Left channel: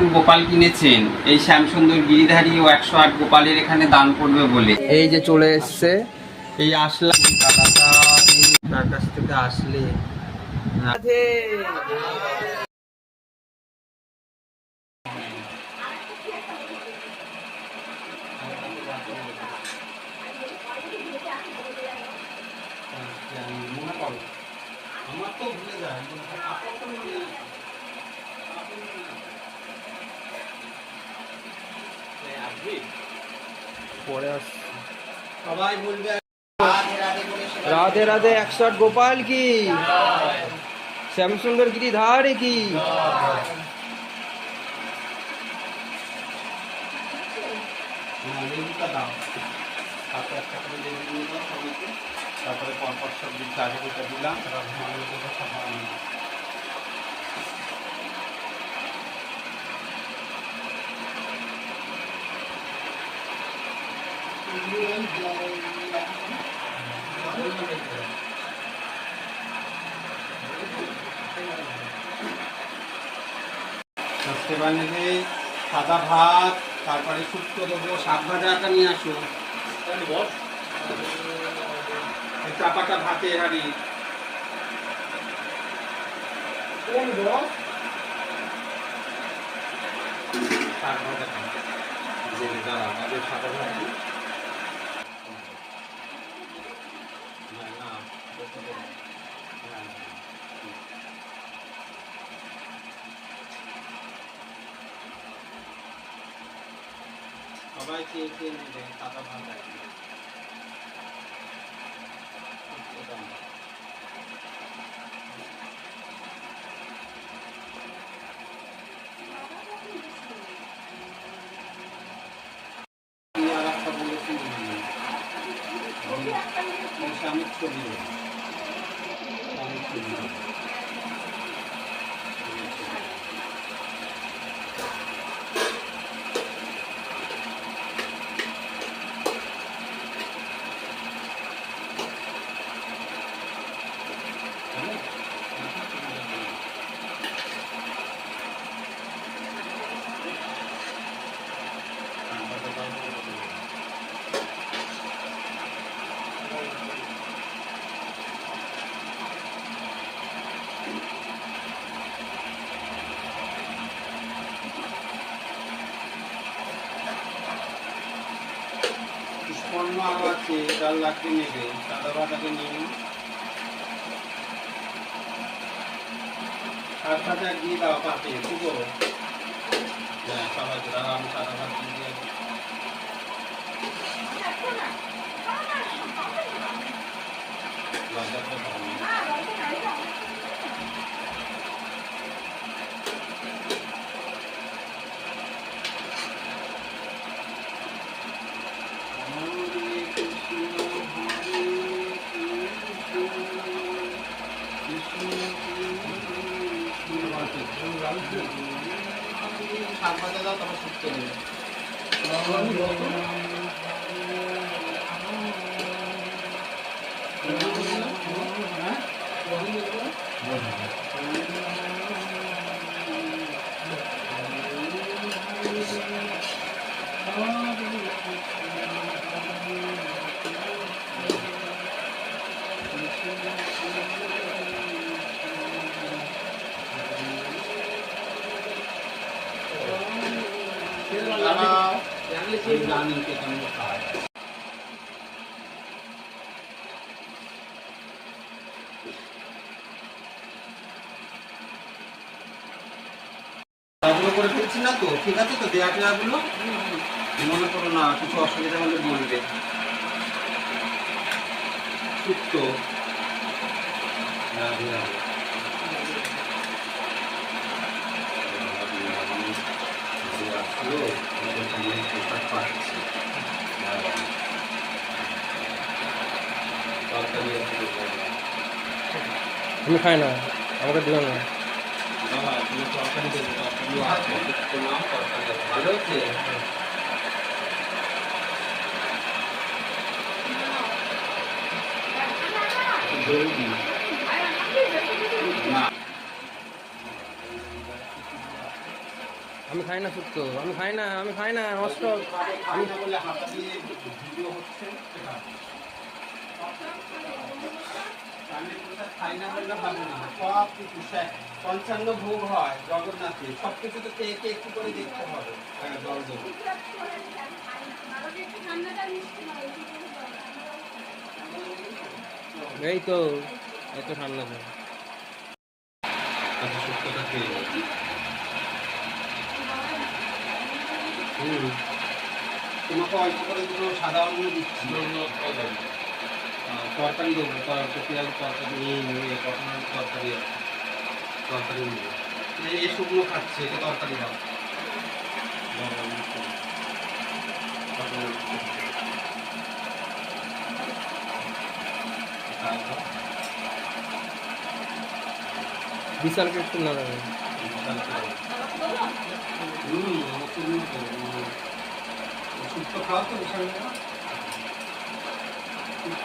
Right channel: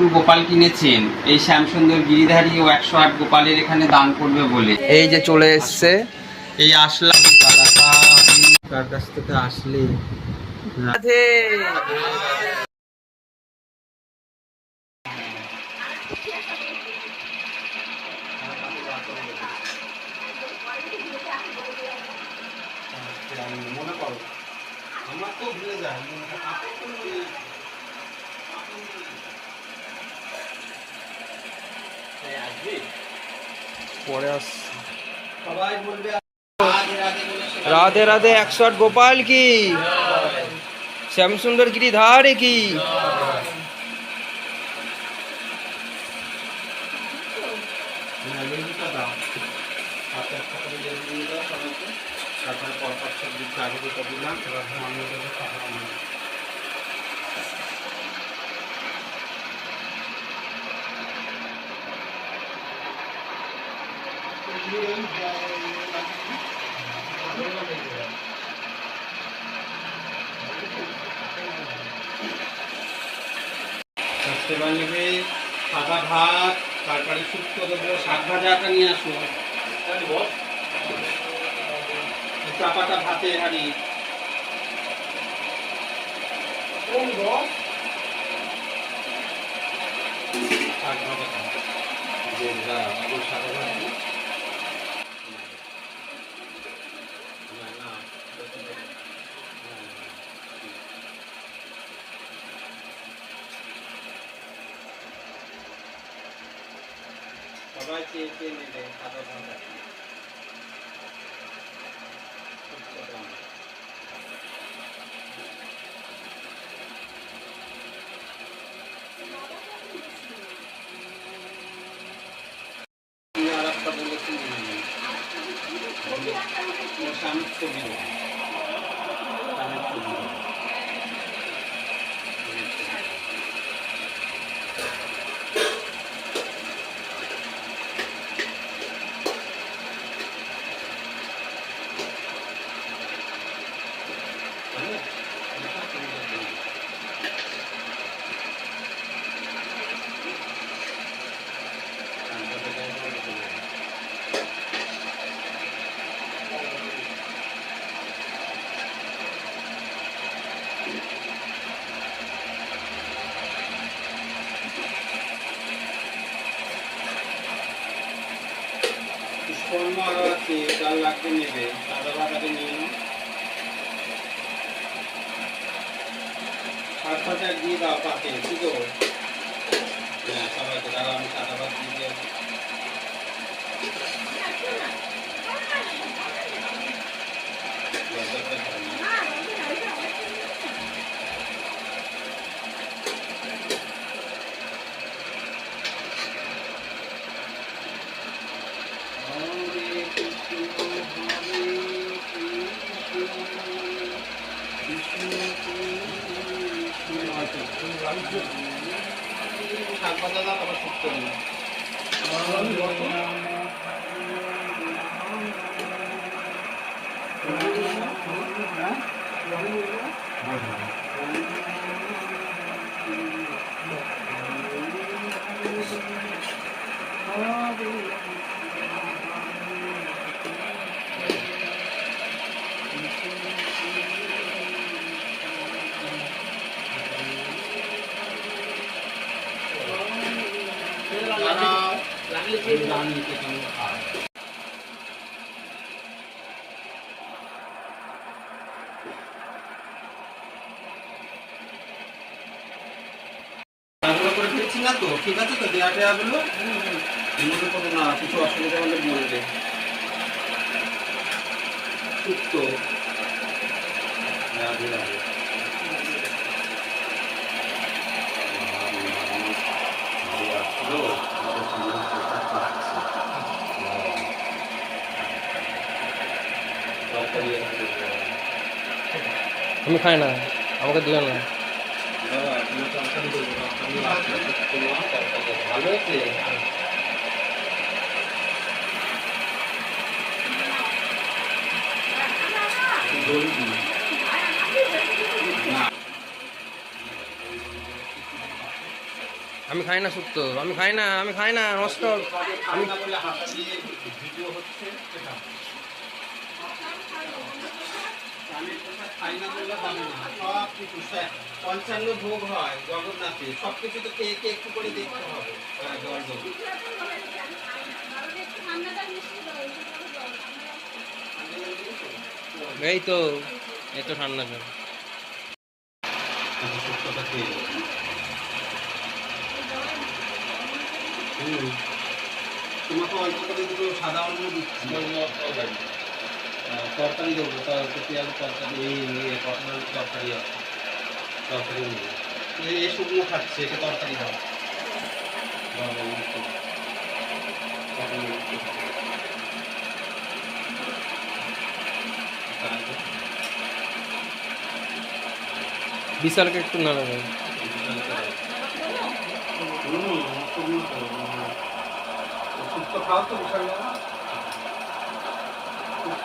বাছুর গোপাল কিনেছেন। এই শ্যামসুন্দর গিরিধারী ও একশো আট গোপালের এখানে দান করবে বলে। এই যে চলে এসছে। এই আসলাম দাদাটা তার কাছ থেকে আসলে। পরে আস সবাই বলবে রাধে রাধে বলে সবাই রাধে রাধে একশো আট গোপাল কি শ্যামসুন্দর গিরিধারে কি না, লেবুটা দাও হাতে একটা করে লেবু দিয়ে দাও সবাইকে তারপরে পরপর সব দিক আগে যেটা দিলাম এবার আমি দেবো খাওয়া আমি এবার নেবে সাদা ভাত, তারপরে শুক্তো দেবো, শাক ভাজাটা নিয়ে আসো। চাপাটা ভাতে হারি শাক ভাজাটা যে আগে সাদা ভাত দিই। না, না, বেশি করে। না, না, হুম। সবাই চেয়ে চেয়ে নেবে সাদা ভাত আর কি। শুক্তো দাও। তুমি আর একটা বলেছি মনে নেই। ওর স্বামীর ছবি দাও। স্বামীর ছবি দাও। স্বামীর ছবি দাও। হ্যালো? পুষ্পর্ম আরও আছে ডাল লাগতে নেবে সাদা ভাতাকে নিয়ে নাও শাক ভাজা দিয়ে দাও পাতে ঠিক হ্যাঁ সবাইকে দাঁড়া আমি সাদা ভাত দিয়ে দিয়ে দাঁড়াও আমি জানি কে কেমন খায় এগুলো করে ফেলছি না তো ঠিক আছে তো দেয়া টেয়াগুলো মনে করো না কিছু অসুবিধা হলে বলবে শুক্তো রাধে রাধে। যে আসলো, ওদের সঙ্গে পোশাক পাচ্ছি। রাধে। তরকারি আছে, আমি খাই না আমাকে দিও না আমি খাই না শুক্তো আমি খাই না আমি খাই না নষ্ট আমি সব কিছু পঞ্চান্ন ভোগ হয় জগন্নাথে। সব কিছু তো কে কে একটু করে দেখতে হবে এই তো এই তো ঠান্ডা সত্যটা খেয়ে তোমাকে অল্প করে দুটো সাদা অন্য দিচ্ছি। আহ, তরকারি দেবো তরকারি পেঁয়াজ তরকারি এই এই কটনার তরকারি আছে তরকারি নেই এই এই শুকনো খাচ্ছে একে তরকারি দাও দাও, দাও, এই শুকনো। তরকারি দিচ্ছি। তাই না? বিশালকে একটু না দেবে হুম, শুকনো তো, হুম। শুক্তো খাও তো বিশাল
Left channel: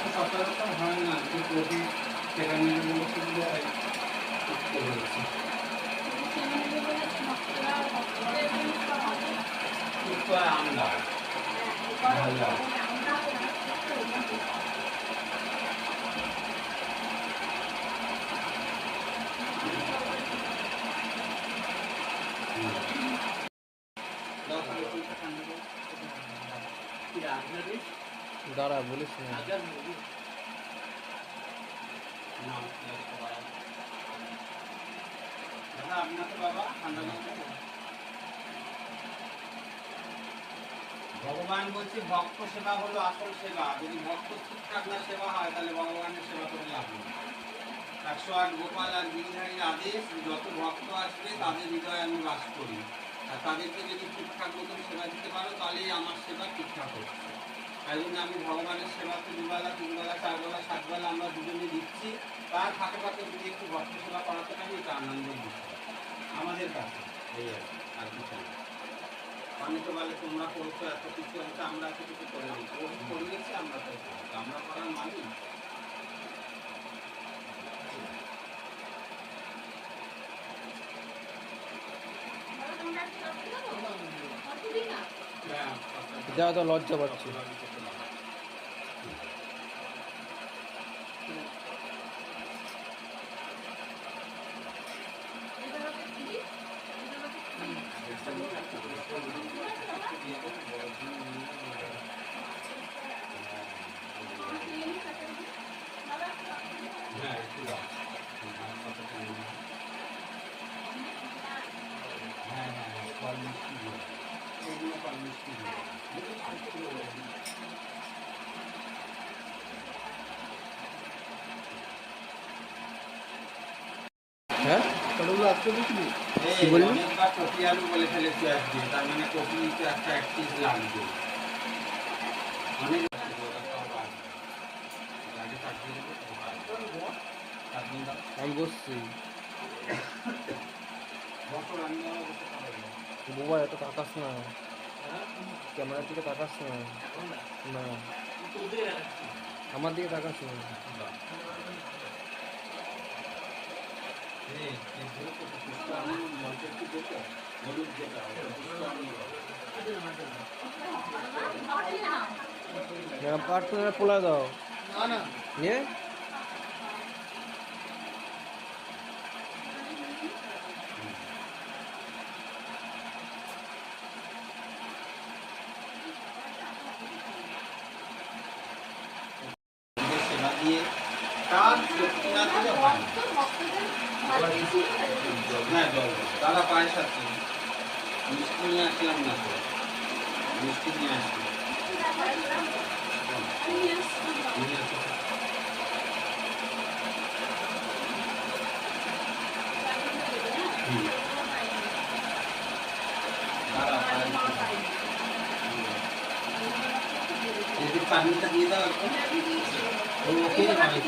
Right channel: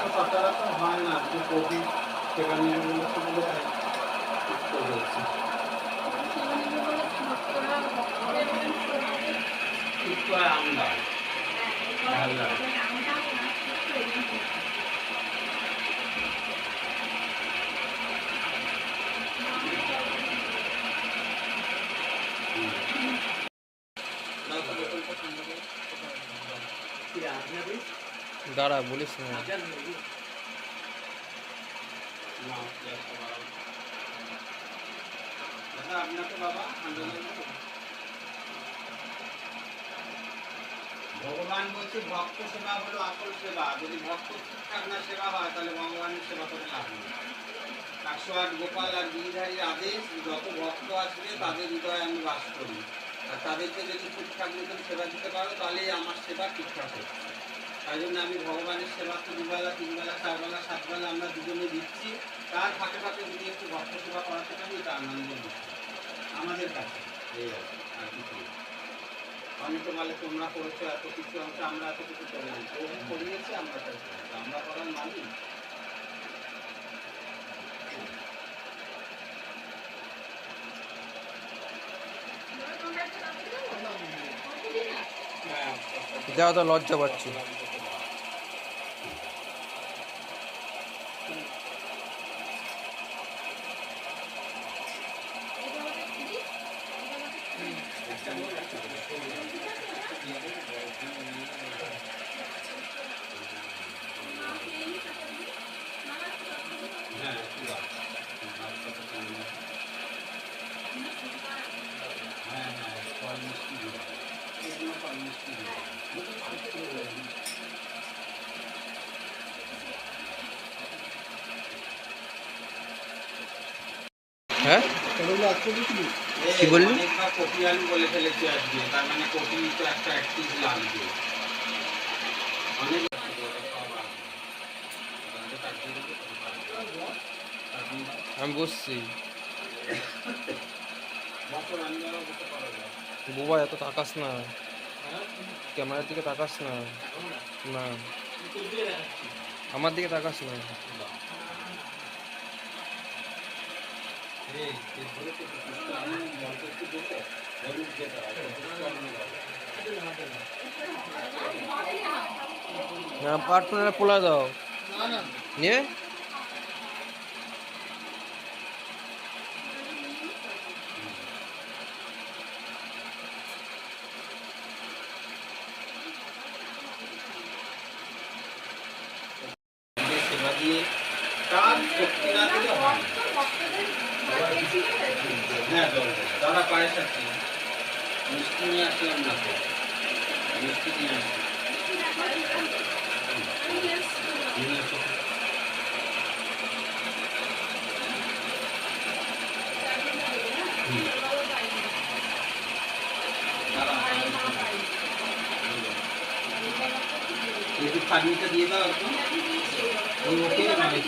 শুক্তো সচরাচর হয় না যে কবি সেখানে গেলে শুনলে শুক্তো হয়েছে শুক্তো ভালো লাগে দাও তো বোতলটা ঠান্ডা করে। কি আপনাদের দাঁড়া, বলিস না? ভগবান বলছে, ভক্ত সেবা হলো আসল সেবা। যদি ভক্ত ঠিকঠাক না সেবা হয়, তাহলে ভগবানের সেবা করে লাভ নেই। একশো আট গোপাল আর গিরিধারীর আদেশ, যত ভক্ত আসবে, তাদের হৃদয়ে আমি বাস করি। আর তাদেরকে যদি ঠিকঠাক মতন সেবা দিতে পারো, তাহলেই আমার সেবা ঠিকঠাক হচ্ছে। তাই জন্য আমি ভগবানের সেবা তো দুবেলা তিনবেলা চারবেলা সাতবেলা আমরা দুজনে দিচ্ছি। তার ফাঁকে ফাঁকে যদি একটু ভক্ত সেবা করাতে পারি এটা আনন্দের বিষয় আমাদের কাছে। এই আর কি, আর কিছু অনেকে বলে তোমরা করছ এত কিছু হচ্ছে আমরা এত কিছু করে করিয়েছি আমরা করেছি। আমরা করার মালিক হ্যাঁ, দেওয়া তো লজ্জা পাচ্ছি হ্যাঁ, একটু দাও। হাসপাতালে নিয়ে যাও। হ্যাঁ, হ্যাঁ, ফল মিষ্টি দিও। এগুলো ফল মিষ্টি দিও। হ্যাঁ এই, কি বললি? অনেকবার কপি আলু বলে ফেলেছি আজকে তার মানে কপি তো একটা এক পিস লাগবে অনেক আগে কাটিয়ে দেবো, তখন পারব। কাটিয়ে দাও। আমি বসছি বসো, আমি আরও বসে পারব না। বোবা এত তাকাস না ক্যামেরার দিকে তাকাস না না আমার দিকে তাকাস না এই, এই ধরো তো, একটু পুষ্প আনো, জলটা একটু দেবো। হলুদ যেটা, ওটা পুষ্প আনো দাও। না পার্টনার পোলা দাও। নিয়ে নিজের সেবা দিয়ে তার শক্তি না দিলে হয় না। হ্যাঁ জল দাও। দাদা পায়েস আছে মিষ্টি নিয়ে আসলাম না তো মিষ্টি নিয়ে আসলাম নিয়ে আসো। চাটনিটা দিয়ে দাও ওই ওকে মানে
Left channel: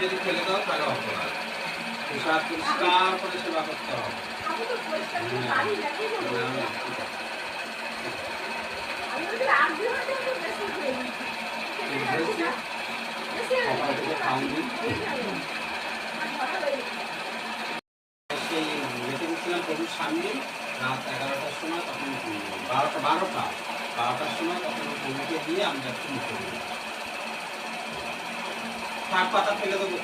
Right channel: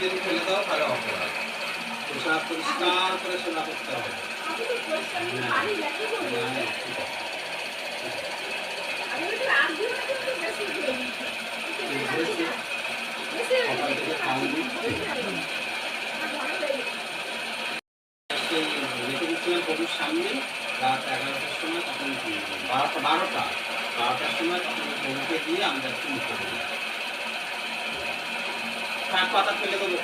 যদি ফেলে দাও তাহলে অপরাধ পেশাব পরিষ্কার করে সেবা করতে হবে হ্যাঁ, হ্যাঁ, প্রভুর সামনে রাত এগারোটার সময় তখন বারোটা বারোটা বারোটার সময় তখন প্রভুকে দিয়ে আমি যাচ্ছি মুখে দিই কাঠ পাতা ফেলে দেবো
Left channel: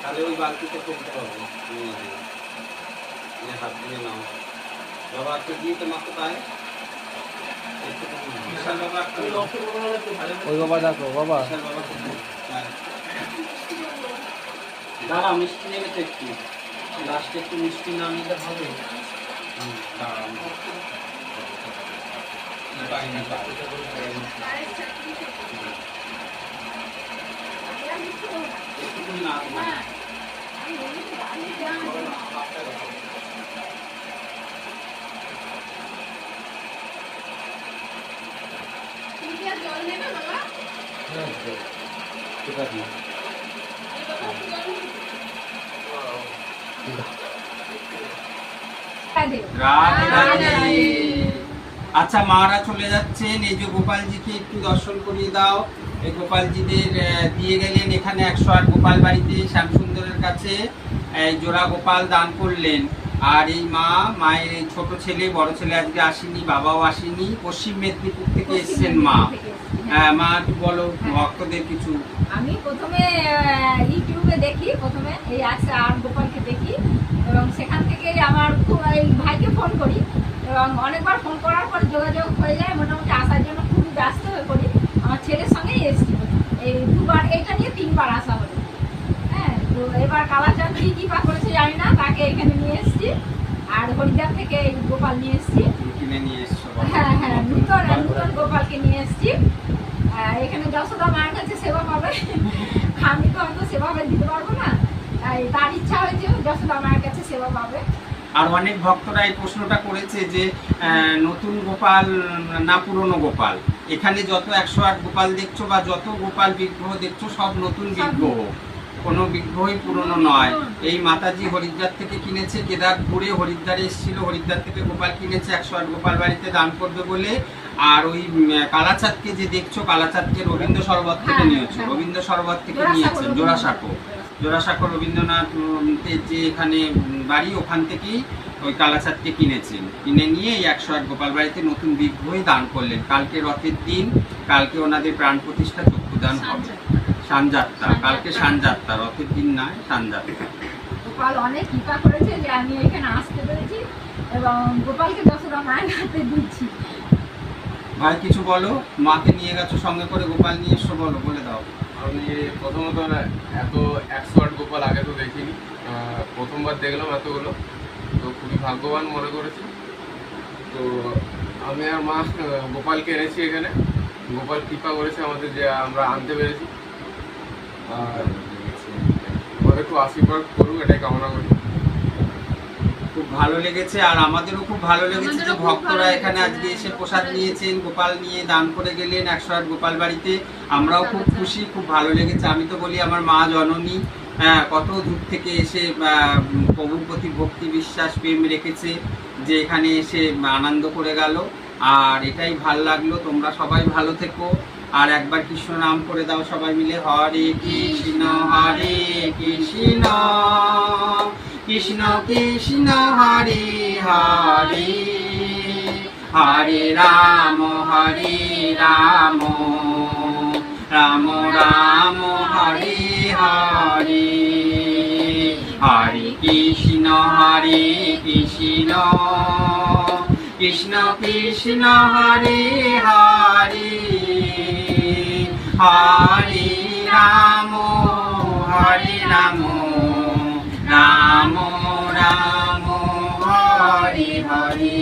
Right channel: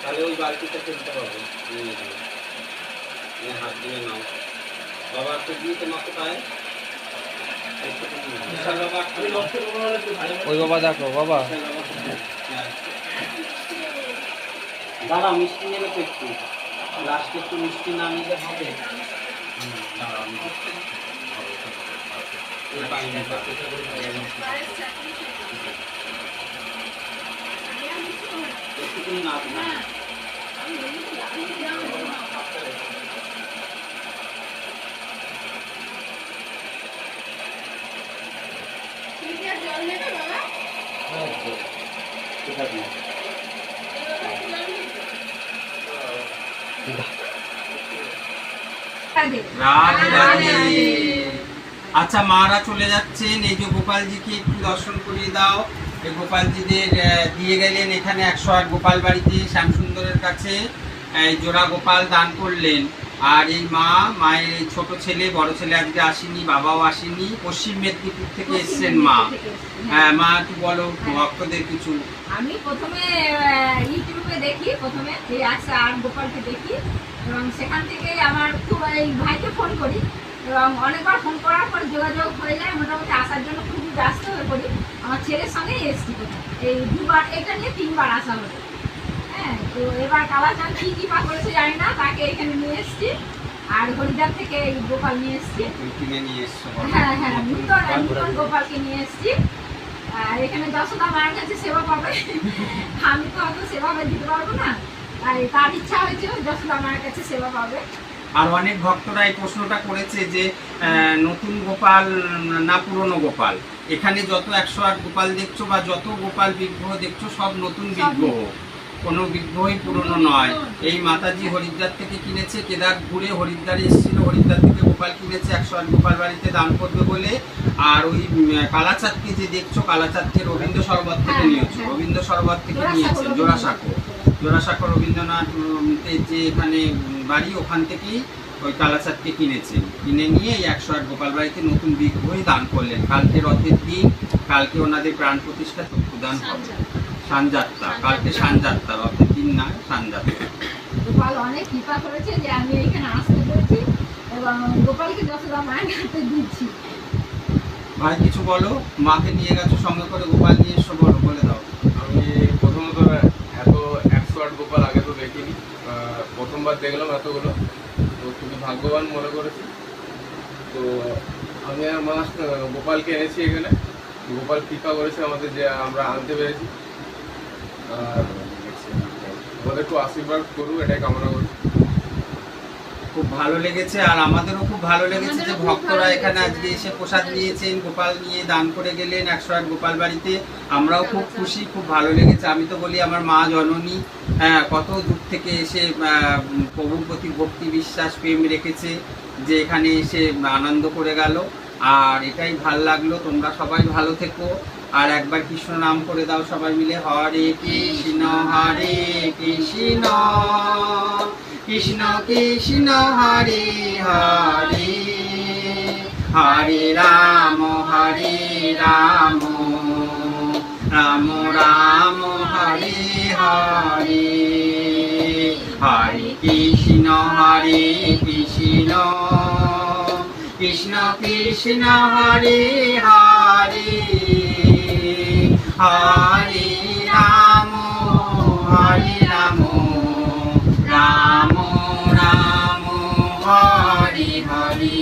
তাহলে ওই বালতিতে ফেলতে নিয়ে হাত দিয়ে নাও বাবা তো দিয়ে কোথায়? বিশাল বাবা ওই বাবা দেখো বাবা? হ্যাঁ। দাঁড়াও মিষ্টি নেবে তো একটু লাস্টে একটু মিষ্টি না নিলে হবে না না। হ্যাঁ, তো। ঠিক আছে। রাধে রাধে আচ্ছা মারা চলে যাচ্ছেন। এই যে গোপালজিকে একটু দর্শন করিয়ে দাও। এই গোপালজিদের দিয়ে গেলেন এখানে একশো আট গোপাল বাড়িতে শ্যামসুন্দরের কাছে। জোড়া গোপাল দান করলেন। আর এই মা মায়ের ছোট ছেলে বড় ছেলে আজকে আসেনি বাবাও আসেনি পশ্চিম মেদিনীপুর থেকে এসছেন মা। হ্যাঁ মা একটু বলো ভক্তদের কিছু। আমি প্রথমে ইউটিউবে দেখি প্রথমে এই আছে আর গোপালকে দেখি এবং সেখান থেকেই আমার খুব এই ভাইকে ফোন করি এবং অনেকবার ফোন করার পর যোগাযোগ হয়ে যায় মোটামুটি আসার জন্য খুবই ব্যস্ত হয়ে পড়ি। আমার ছেলের সঙ্গেই এসেছি এই দুবার এটা নিয়ে তিনবার আসা হলো। তো এবার কালাচাঁদ কি কি পা করেছে জানি না তাকে এখানে নিয়ে এসেছি। আর হরিদ্বার থেকে গোপাল নিয়ে এসেছি। হ্যাঁ হ্যাঁ নূতন নূতন গোপালকে নিয়ে এসেছি। এখানে যশোদা মার কাছে সেবা পাবে। আমি তো অত সেবা দিতে পারব না। তাই তার ইচ্ছা হয়েছে যশোদা মায়ের কাছে সেবা পাবে। আর অনেক ভক্তরা এই প্রশ্নটা করেছে যে নতুন গোপাল না পুরনো গোপাল? এখানে যত একশো আট গোপাল দেখছ বা যত গোপাল বিগ্রহ দেখছ সব নতুন বিগ্রহ। কোনো বিগ্রহই পুরনো নয়। এই মাতাজি হরিদ্বার থেকে কিনেছে কেদার ঘুরে হরিদ্বারে এসেছিল হরিদ্বার থেকে গোপাল কিনেছে একশো আট গোপাল বাড়িতে দান করবে বলে। আর ওই কালাচাঁদকে যে দেখছ কালাচাঁদকে রবীন্দ্র সরবত থেকে হ্যাঁ, নিয়েছো। হ্যাঁ। রবীন্দ্র সরবত থেকে নিয়েছেন জোড়াসাঁকো। জোড়াসাঁকো রবীন্দ্রনাথ যে এখানে বাড়ি ওখান থেকেই ওই কালাচাঁদকে কিনেছেন কিনে নিয়ে এই একশো আট গোপাল বাড়িতে নতুন বিগ্রহই দান করলেন। কালকে রথের দিন কালকে ওনাদের প্রাণ প্রতিষ্ঠা চক্ষুদান হবে। সানযাত্রা কালকে সানযাত্রা রথের দিন নয় সানযাত্রা। গোপাল অনেক কৃপা করেছে যে আমি এখানে আসতে পেরেছি এবং গোপালকে যশোদা মায়ের হাতে দিচ্ছি। ভাই কিছু বলো? মাকে নিয়ে গেছো সঙ্গে করে? গোপাল নিয়ে এসো বলো বলে দাও। আমি প্রথমত এত একশো আট গোপাল আগে তো দেখিনি। প্রথমবার দেখলাম এতগুলো। তো খুবই ভাগ্যবান মনে করেছি। তো আমি আর মা গোপালকে এনেছি এখানে। গোপাল কৃপা করেছে আমাদের যে আমরা আনতে পেরেছি। আর একটু আশীর্বাদ করুক এটাই কামনা করি খুব ভালো লেগেছে আর আমাদেরও খুব ভালো লেগেছে যে ভক্তরা এখানে আজকে হ্যাঁ। এসে প্রসাদ নিয়েছেন গোপাল নিয়ে দান করে গেলেন একশো আট গোপাল বাড়িতে। আমরাও খুব খুশি খুব ভালো লেগেছে। আমি তো বলি আমার মা জননী হ্যাঁ, কত দূর থেকে এসে আহ, প্রভুর প্রতি ভক্তি বিশ্বাস প্রেম রেখেছে যে এখানে এসে আনন্দ করে গেল। আর এটাই ভালো লাগল তোমরা সবাই ভালো থেকো। আর একবার কৃষ্ণ নাম করে দাও সবাই মিলে। হরে কৃষ্ণ হরে কৃষ্ণ কৃষ্ণ কৃষ্ণ, হরে হরে। হরে রাম হরে রাম রাম রাম, হরে হরে। হরে কৃষ্ণ হরে কৃষ্ণ কৃষ্ণ কৃষ্ণ, হরে হরে। হরে রাম হরে রাম রাম রাম হরি হরি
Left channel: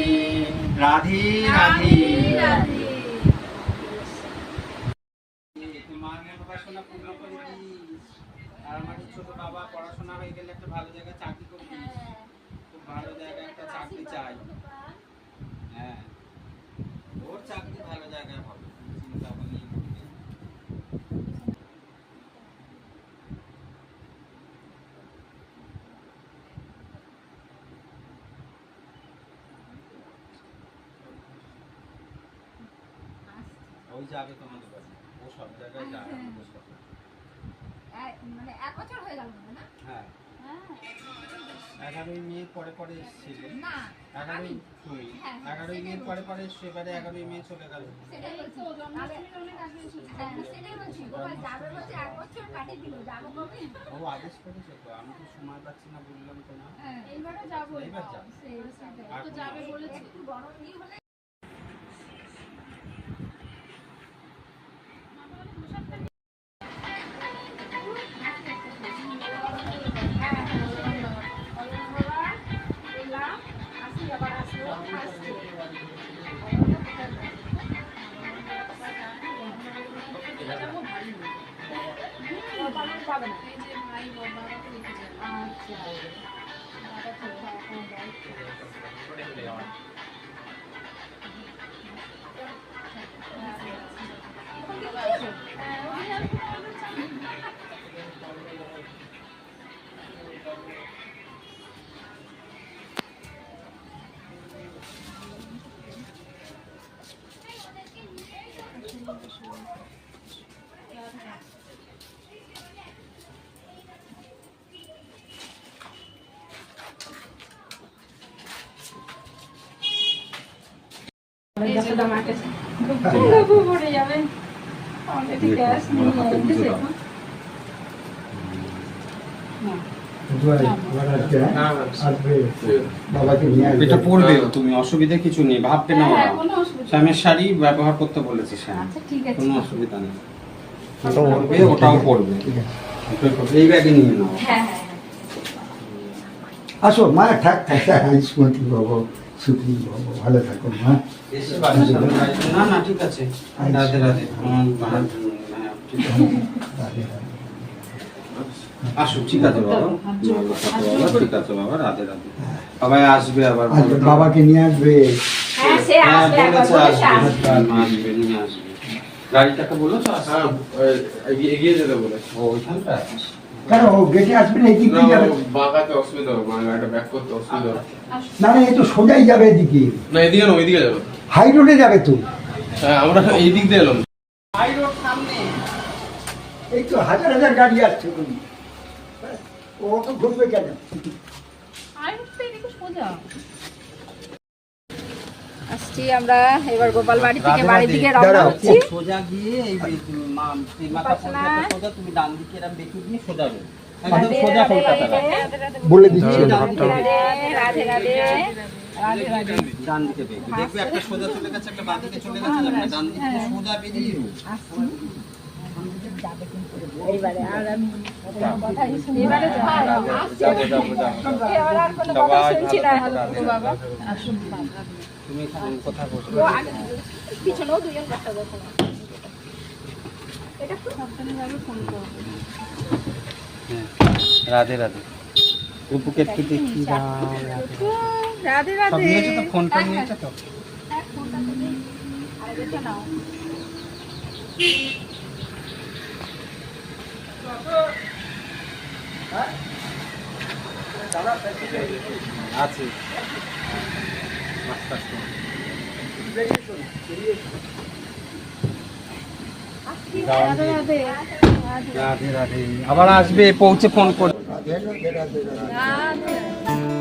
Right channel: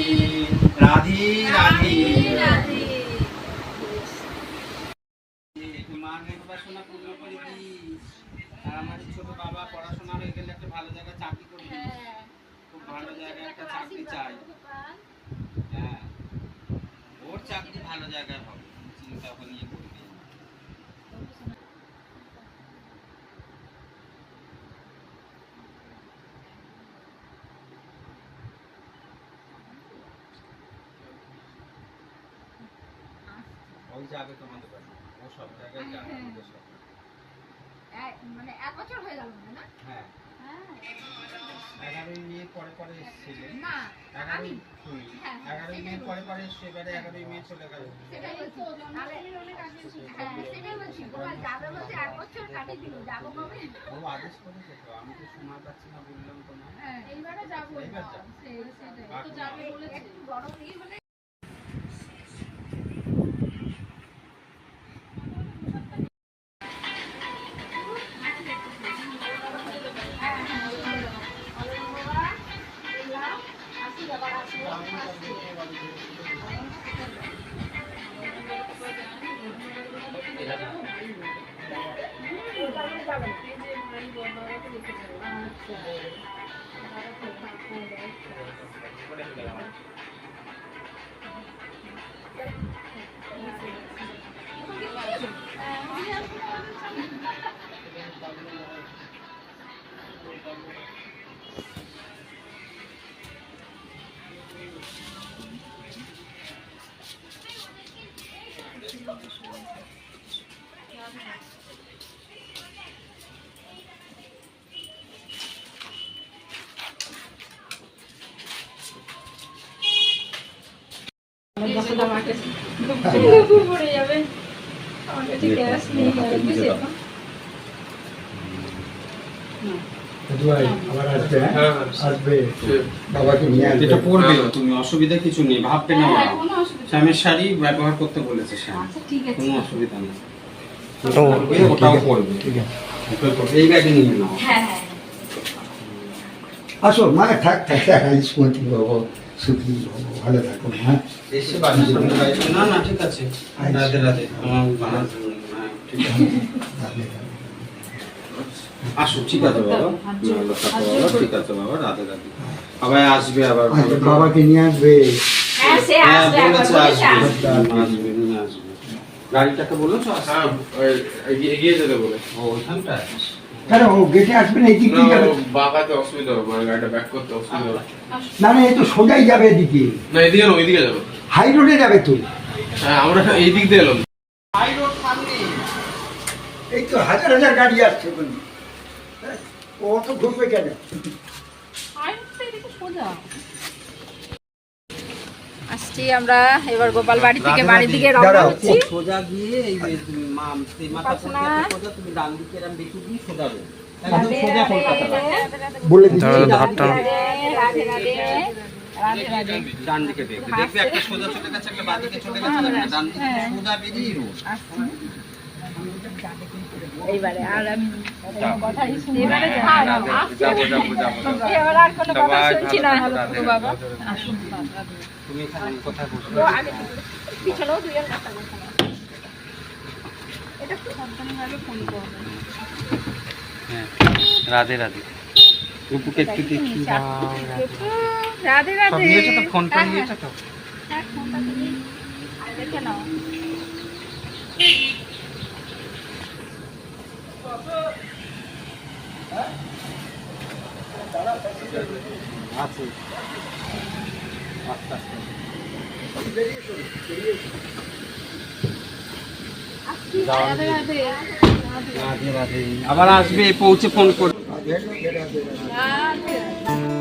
রাধে রাধে। পড়াশোনা পূর্ণ করে দিস আর আমার ছোট বাবা পড়াশোনা হয়ে। গেলে একটা ভালো জায়গায় চাকরি খুব ভালো জায়গায় একটা চাকরি চাই হ্যাঁ। ওর চাকরি ভালো জায়গায় হবে চিন্তা ভাবনা নিয়ে করবি ওই যাবে তোমাদের বাড়ি। ও সব জায়গায় যাবে আমাদের সাথে মানে এক বছর হয়ে গেল মনে হয় না? হ্যাঁ। এগারোই মে পরে পরে এসেছিলেন এগারোই শুনি হ্যাঁ, এগারোই মে পরে পরে সেবারে এগারোই মে চলে গেল। সেটাই বলছি। তাহলে- হ্যাঁ, সেটাই বলছি। গোপাল যাবে বলছে এক বছর কাটিয়ে দিল যাব কবে? ও আদেশ করেছে তো আমি তো সময় পাচ্ছি না বললাম তো না হ্যাঁ যাব। এইবার যাব। হ্যাঁ? হ্যাঁ আসবে বাবাকে নিয়ে আসবে এটা পড়বেও তুমি অসুবিধা কিছু নেই ভাবতে না হ্যাঁ, শ্যামের শাড়ি ব্যবহার করতে বলেছে শ্যাম আচ্ছা ঠিক আছে। কোনো অসুবিধা নেই। ওটাও পড়বে, ওটাও পড়বে ঠিক আছে। এই ব্যাগে নিয়ে নাও। হ্যাঁ হ্যাঁ আসো মা থাক থাক থাক স্মৃতি বাবু সুখী বাবু ভালো থাকো মা। না না ঠিক আছে। রাধে রাধে। হ্যাঁ, ঠিক আছে। আসো ঠিক আছে বাবা। বাবা ঠিক আছে বাবা রাধে রাধে। বাবা আসবে আবার বাবাকে নিয়ে আসবে। হ্যাঁ সে হ্যাঁ আসবে একবার বলেছে বলেছে আসবে। আসবে। আসবে নিয়ে আসবে। গাড়িটাকে বলেছ আসবে এগিয়ে- এগিয়ে যেতে বলে ও ওইখানটায় কেন ও গেটে আসবে না এদিক যাবে। অসুবিধা হবে মানে গাড়িটা ব্যাক করতে অসুবিধা হবে। না না এ তো সোজাই যাবে এদিকে। না এদিকে না ওইদিকে যাবে। হাই রোডে যাবে তো। হ্যাঁ আমরা এই দিক দিয়ে এলাম। হাই রোড সামনে। এই তো হাজার হাজার গাড়ি আসছে বলি ও তো ঘুরবে কেন? আমরা এবার গোপাল বাড়ি থেকে বাড়ির দিকে রওনা হচ্ছি। সোজা গিয়ে এই যে মা মাথা সোজা তুমি ডান দিকে এরম বেঁকে দিয়ে সোজা একদম সোজা কলকাতা বলে দিচ্ছি। দাঁড়াও। রাধে রাধে রাধে রাধে ডান দিকে দেখবে দেখবে একটা সোজা চলে গেছে একটা বাঁ দিকে চলে গেছে একটা ডান দিকে সোজা বেরিয়ে এইবারে আর আমি কোনো কথাই শুনব না। রাধে, যাব যাব যাব যাব। এবার আর কোনো কথা শুনছি না বাবা। আসুন তুমি এখানে কোথায় বসবে তো আগে পিছনেও দুজন কথা বলছে। এটা খুব সাবধানভাবে ফোন করব হ্যাঁ রাধে রাধে। রূপুকে একটু দেখি রাধে রাধে। তো ফোন করে হ্যাঁ, নিয়েছো তো। হ্যাঁ, ফোনটা তো। আরে দেখে নাও। আছে আস্তে আস্তে রাধে রাধে রাধে রাধে আবার আসবে পৌঁছে ফোন করবে রাধে রাধে। রাধে